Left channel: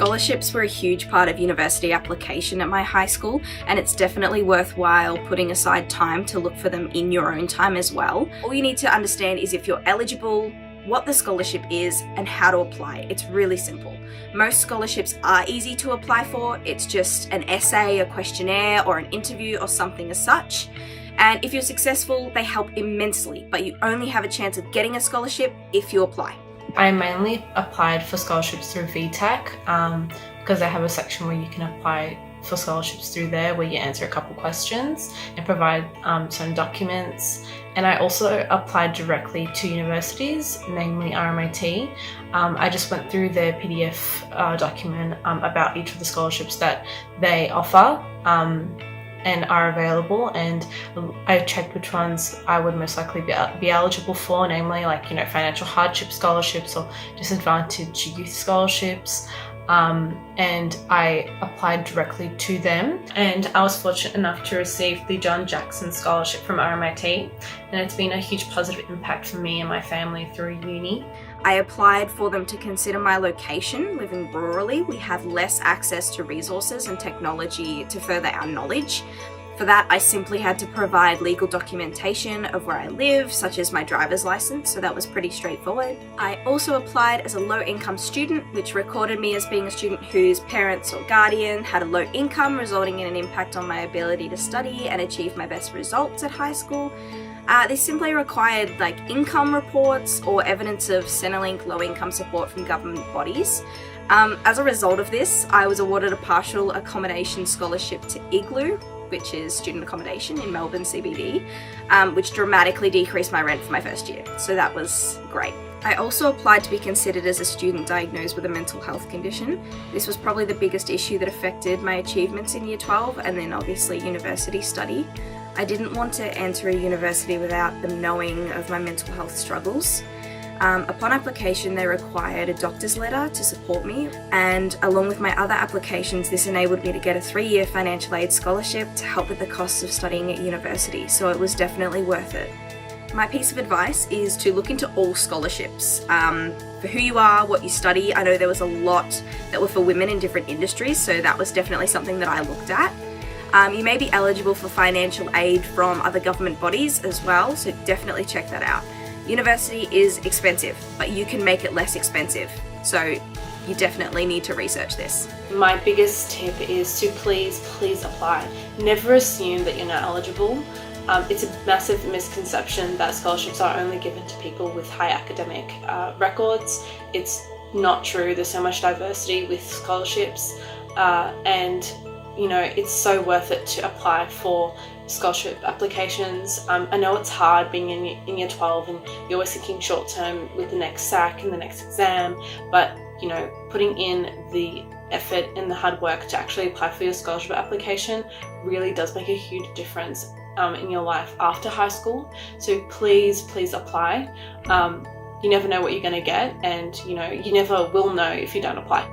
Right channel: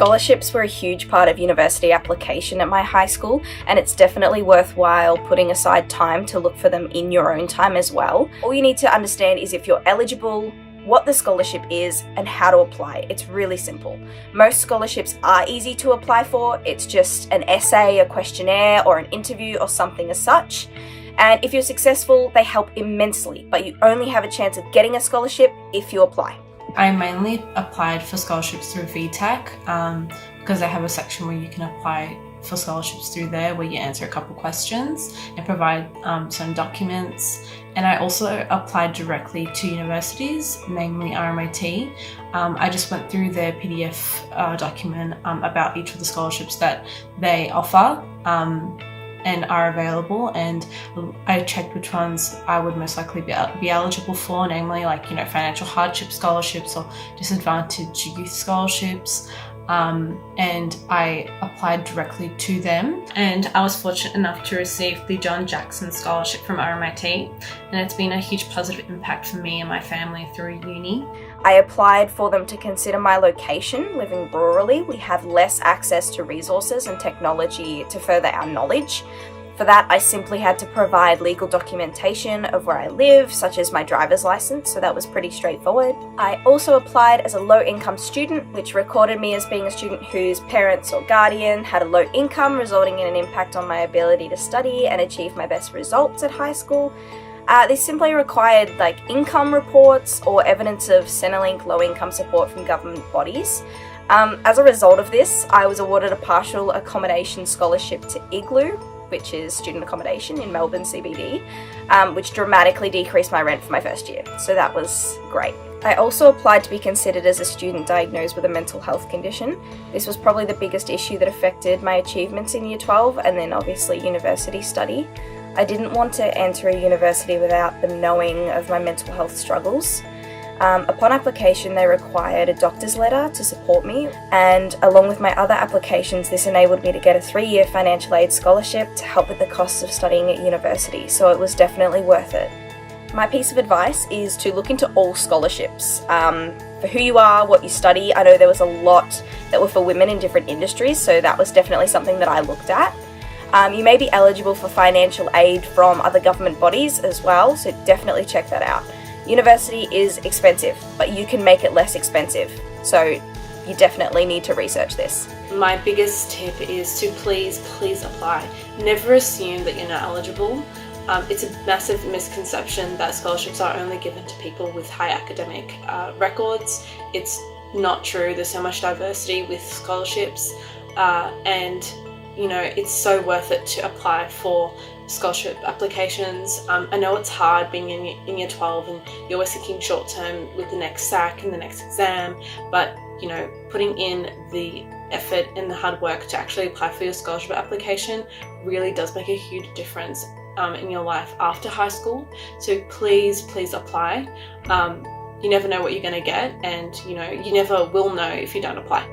Scholarships were a huge part of university application at my high school, and it's definitely worthwhile putting aside time to look for them in your own time as well. All you need to understand is if you're eligible, what the scholarship is, and how to apply. It's really simple. Most scholarships are easy to apply for. It's just an essay, a questionnaire, or an interview or something as such. And if you're successful, they help immensely, but you only have a chance of getting a scholarship if you apply. I mainly applied for scholarships through VTech because they have a section where you can apply for scholarships through there where you answer a couple questions and provide some documents. And I also applied directly to universities, namely RMIT. I just went through their PDF document about each of the scholarships that they offer and are available, and I checked which ones I would most likely be eligible for, namely financial hardship scholarships or disadvantaged youth scholarships. And I applied directly to them, and I was fortunate enough to receive the John Jackson Scholarship from RMIT, and it's been a huge positive impact for me and my family through uni. I applied for them to consider my location. Living rurally, we have less access to resources and technology to further our knowledge. For that, I simply had to provide legal documentation of where I live, such as my driver's license, so that was pretty straightforward. I also applied as a low-income student, which recorded me as being a student whose parents or guardian had a low income, resulting in an impact on my ability to study and achieve my best results at high school. This simply required income reports or evidence of Centrelink low-income support from government bodies. As a result of this, I was awarded a partial accommodation scholarship to Igloo, which is student accommodation in Melbourne CBD, which dramatically decreased my rent for my first year. So that was great. I also applied to be considered as a student diagnosed with a mental health condition. This was probably the biggest issue that affected my achievements in Year 12 and then obviously university study. I didn't want to enter a university without them knowing of my mental health struggles. Upon application, they required a doctor's letter to support me, and along with my other applications, this enabled me to get a 3-year financial aid scholarship to help with the costs of studying at university, so it was definitely worth it. My piece of advice is to look into all scholarships. For who you are, what you study. I know there was a lot that were for women in different industries, so that was definitely something that I looked at. You may be eligible for financial aid from other government bodies as well, so definitely check that out. University is expensive, but you can make it less expensive, so you definitely need to research this. My biggest tip is to please apply. Never assume that you're not eligible. It's a massive misconception that scholarships are only given to people with high academic records. It's not true. There's so much diversity with scholarships, and it's so worth it to apply for scholarship applications. I know it's hard being in year 12 and you're always thinking short term with the next SAC and the next exam, but putting in the effort and the hard work to actually apply for your scholarship application really does make a huge difference in your life after high school. So please apply. You never know what you're going to get, and you never will know if you don't apply.